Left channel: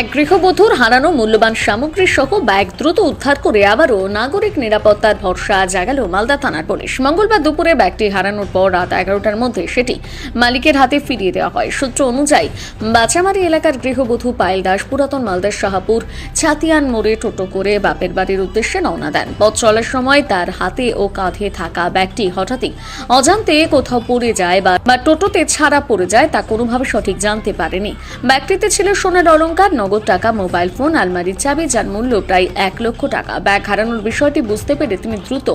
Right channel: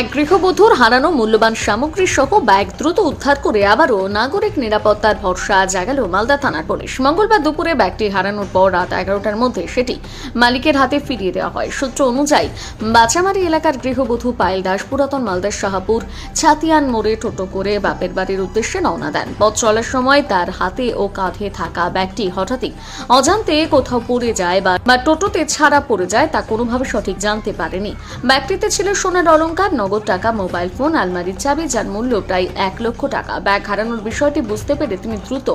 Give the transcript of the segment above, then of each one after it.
এক গৃহবধূর হারানো মূল্যবান সামগ্রী সহ ব্যাগ দ্রুত উদ্ধার করে আবারও নাগরিক নিরাপত্তার ভরসা জাগালো মালদা থানার পুলিশ। মঙ্গলবার দুপুরে ব্যাগটি হারানোর পর রাত এগারোটার মধ্যে সেটি মালিকের হাতে ফিরিয়ে দেওয়া হয়। সূত্র অনুযায়ী, বাচামারি এলাকার গৃহবধূ পায়েল দাস পুরাতন মালদার শাহাপুর ছাতিয়ান মোড়ে টোটো করে বাপের বাড়ির উদ্দেশ্যে রওনা দেন। পথ চলার সময় তার হাতে ও কাঁধে থাকা ব্যাগটি হঠাৎই অজান্তে কোথাও পড়ে যায় বা টোটোতে ছাড়া পড়ে যায় তা কোনোভাবে সঠিক জানতে পারেনি। ব্যাগটিতে ছিল সোনার অলংকার নগদ টাকা, মোবাইল ফোন, আলমারির চাবি যার মূল্য প্রায় এক লক্ষ টাকা। ব্যাগ হারানোর বিষয়টি বুঝতে পেরে তিনি দ্রুত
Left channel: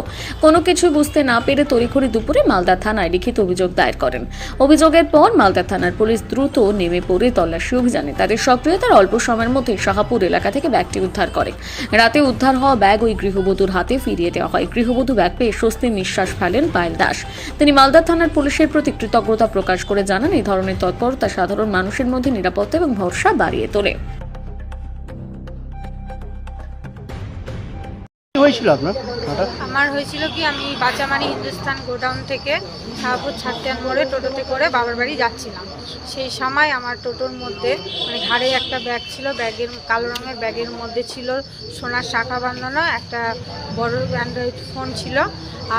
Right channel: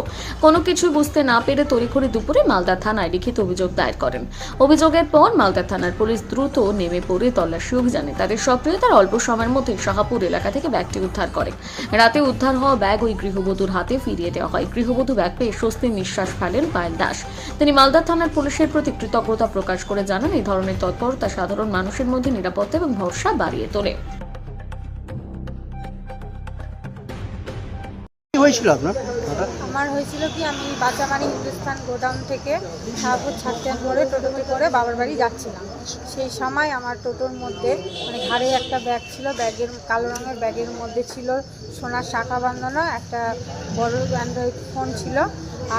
কোনো কিছু বুঝতে না পেরে তড়িঘড়ি দুপুরে মালদা থানায় লিখিত অভিযোগ দায়ের করেন। অভিযোগের পর মালদা থানার পুলিশ দ্রুত নেমে পড়ে তল্লাশি অভিযানে। তাদের সক্রিয়তার অল্প সময়ের মধ্যে শাহাপুর এলাকা থেকে ব্যাগটি উদ্ধার করে। রাতে উদ্ধার হওয়া ব্যাগ ওই গৃহবধূর হাতে ফিরিয়ে দেওয়া হয়। গৃহবধূ ব্যাগ পেয়ে স্বস্তির নিঃশ্বাস ফেলেন পায়েল দাস। তিনি মালদা থানার পুলিশের প্রতি কৃতজ্ঞতা প্রকাশ করে জানান এই ধরনের তৎপরতা সাধারণ মানুষের মধ্যে নিরাপত্তা এবং ভরসা বাড়িয়ে তোলে। হয়েছিল আপনার? আমার হয়েছিল কি, আমি বাঁচামারি হিন্দুস্তান গোডাউন থেকে শাহপুর ছাত্রান মোড়ে টোটোতে করে বাবার বাড়ি যাচ্ছিলাম। সেই সময় আমার টোটোর মধ্যে মানে ঘাড়ে একটা ব্যাগ ছিল, ব্যাগের, কালো রঙের ব্যাগের মধ্যে ছিল সোনার শাখা বাঁধানো, একটা বড় অ্যান্ড্রয়েড ফোন ছিল,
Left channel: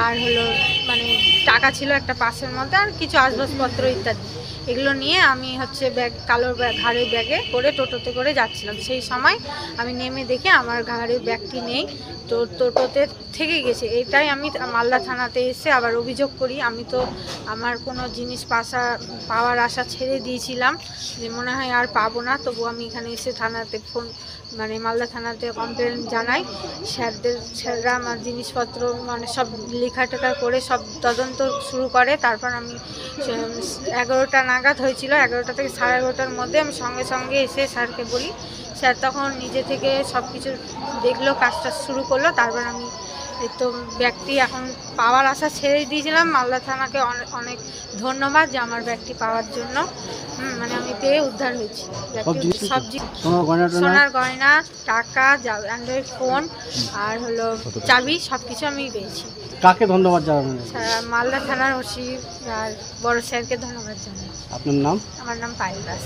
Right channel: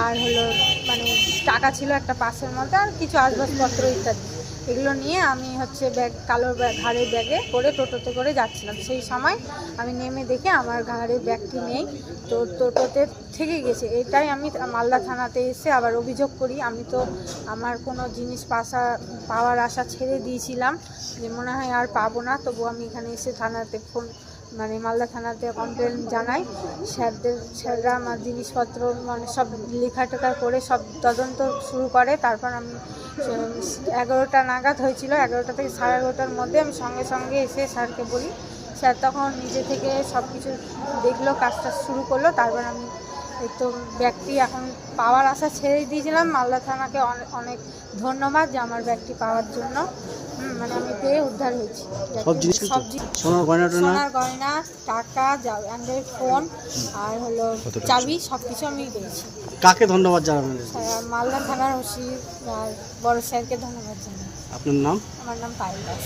আর হলো মানে টাকা ছিল একটা পাশের মধ্যে, আর কিছু আসবাবপত্র ইত্যাদি। এগুলো নিয়ে আমি হচ্ছে ব্যাগ, কালো ব্যাগ ঘাড়ের ব্যাগে করে টোটোতে করে যাচ্ছিলাম। সেই সময় আমি নেমে দেখে আমার ঘাড়ের ব্যাগটি নেই, তো টোটোতে থেকে গেছে। এটাই আমি মালদা থানাতে এসে আবার অভিযোগ করি। আমি তো আমার কোনো জিনিস পাশা, পাওয়ার আশা ছেড়ে দিয়েছিলাম যে মনে হয় আর পাবো না। তবু আমি এখানে এসে থানাতে ফোন মানে মালদা থানাতে কমপ্লেন জানাই। স্যারদের, স্যাররা আমার জিনিসপত্র মানে সব লেখা টেখা করে সব তদন্ত শুরু করে। তারপর আমি এগারোটা নাগাদ হয়েছিল এগারোটা থেকে সাড়ে এগারোটার মধ্যে আমি সঙ্গে সঙ্গে এসে স্যারকে বলি। স্যার তখন নিজে থেকে সব কিছু দেখল কাজটা শুরু করল তারপর আমি এই তো ব্যাগটি এখন পাওয়ার আশা ছেড়ে দিয়েছিলাম। মালদা থানাকে অনে- অনেক ধন্যবাদ যে আমার ব্যাগটি পাওয়ার জন্য। মানে আমি পেয়ে উদ্ধার হয়েছি। সব ব্যাগটি জিনিস সোনার গয়না টয়না সোনার গয়না টাকা অ্যান্ড্রয়েড ফোন আর হলো চাবি সব কিছু আমি পেয়েছি। কাকে ধন্যবাদ স্যার, মালদা থানার ওসি আর বড় স্যারকে ধন্যবাদ জানাই। আপনার নাম? আমার নাম পায়েল দাস।